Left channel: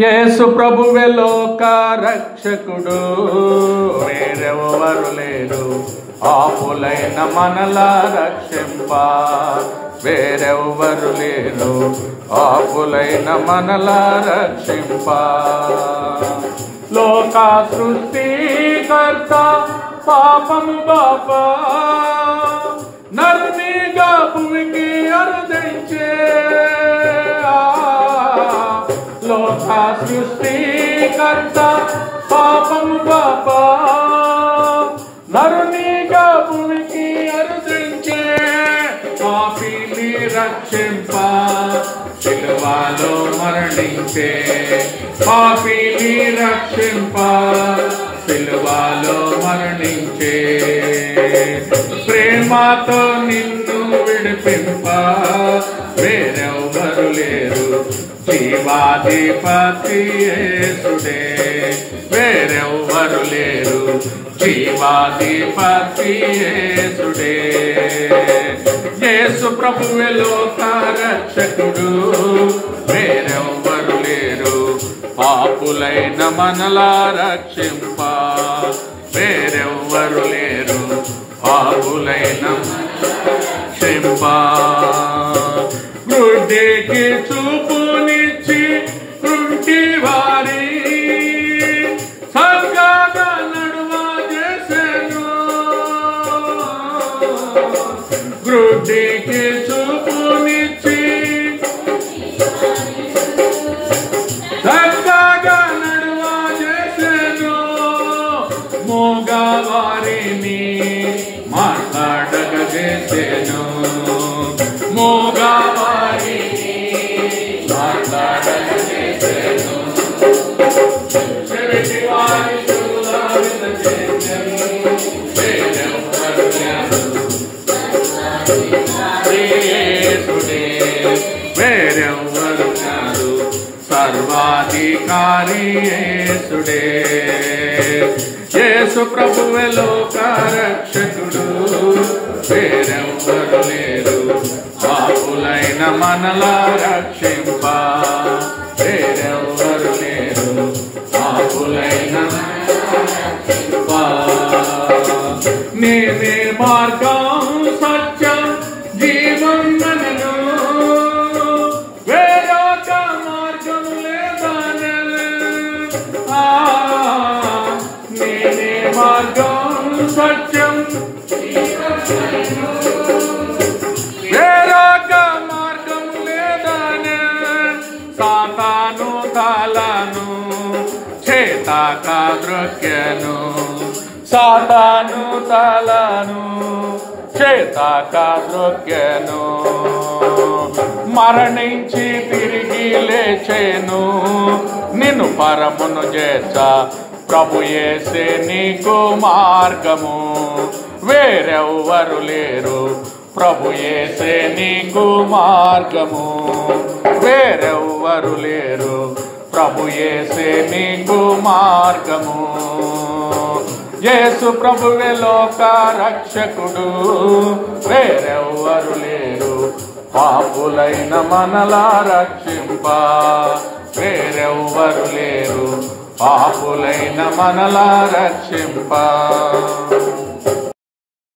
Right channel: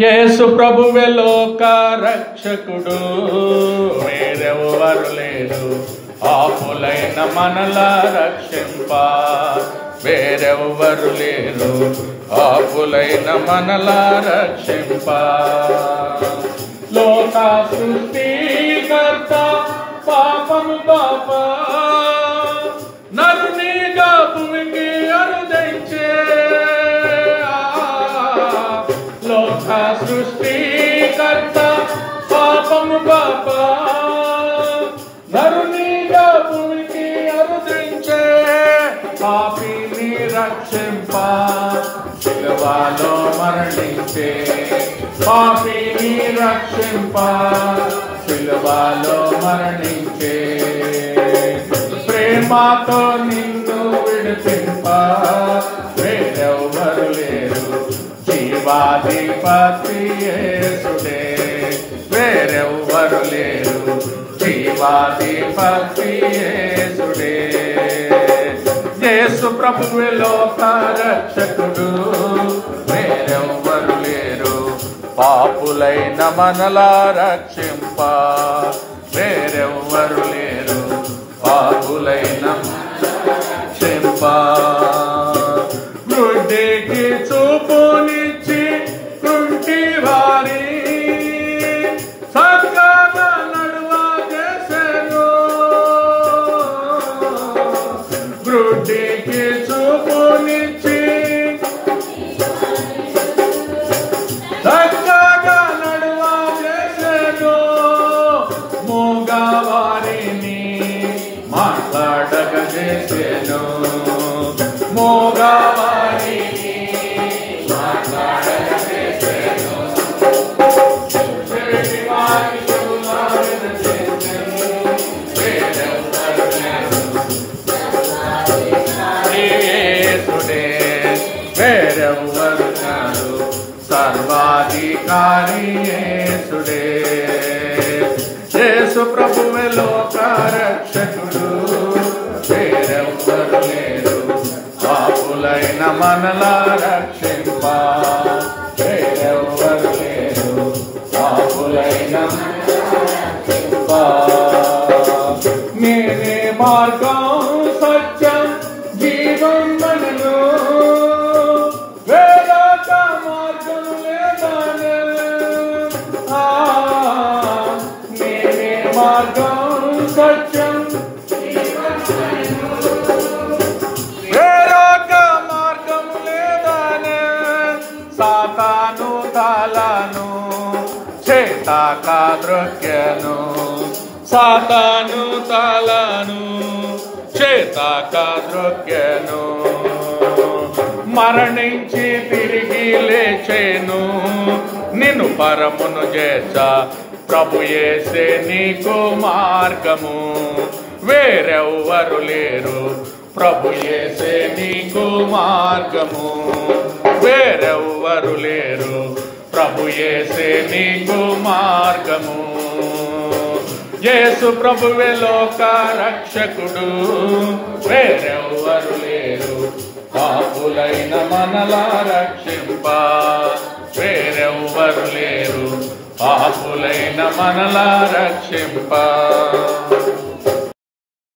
యేసు ప్రభువే లోక రక్షకుడు, వేరెవ్వరు లేరు పాపులైన మనలా రక్షింప. వేరెవ్వరు లేరు పాపులైన మనలా రక్షింప. లోక సృష్టికర్త పాపము బాపా నరునిగా భూమికి అరుదించే. లోక సృష్టికర్త పాపము బాపా నరునిగా భూమికి అరుదించే. పాపిని రక్షింప సిలువలో మరణించే. పాపిని రక్షింప సిలువలో మరణించే. ప్రేమతో నిన్ను విడిపింప వేరెవ్వరు లేరు జీవాధిపతి యేసుడే. వేరెవ్వరు లేరు జీవాధిపతి యేసుడే. యేసు ప్రభువే లోక రక్షకుడు, వేరెవ్వరు లేరు పాపులైన మనలా రక్షింప. వేరెవ్వరు లేరు పాపులైన రక్షింప. గుడ్డికి చూపునిచ్చి కుంటి వారి సర్గగా నడువ చేసెను. గుడ్డికి చూపునిచ్చి సర్గగా నడువ చేసెను. మూగవారిని మాట్లాడగ చేసెను. మూగవారిని మాట్లాడగ చేసెను. చెవిటివారి శూలాలను చేసెను. వేరెవ్వరు లేరు యేసుడే. వేరెవ్వరు కాదు సర్వాధికారి యేసుడే. యేసు ప్రభువే లోక రక్షకుడు, వేరెవ్వరు లేరు పాపులైన మనలా రక్షింప. వేరెవ్వరు లేరు పాపులైన రక్షింప. నేనే మార్గం సత్యం జీవం నన్ను, వేరొక మార్గం లేదనే. నేనే మార్గం సత్యం వేరొక మార్గం లేదనే. సాతాను తాళను చేతాక ద్రొక్కెను. సాతాను తాళను చేతాక ద్రొక్కెను. మరణించి తిరిగి లేచెను. నిన్ను పరమును చేర్చ ప్రభు యేసే నీకు మార్గము. వేరెవ్వరు లేరు ప్రభు యేసే నీకు మార్గము. వేరెవ్వరు లేరు ప్రభు యేసే నీకు మార్గము. యేసు ప్రభువే లోక రక్షకుడు, వేరెవ్వరు లేరు పాపులైన మనలా రక్షింప. వేరెవ్వరు లేరు పాపులైన మనలా రక్షింప.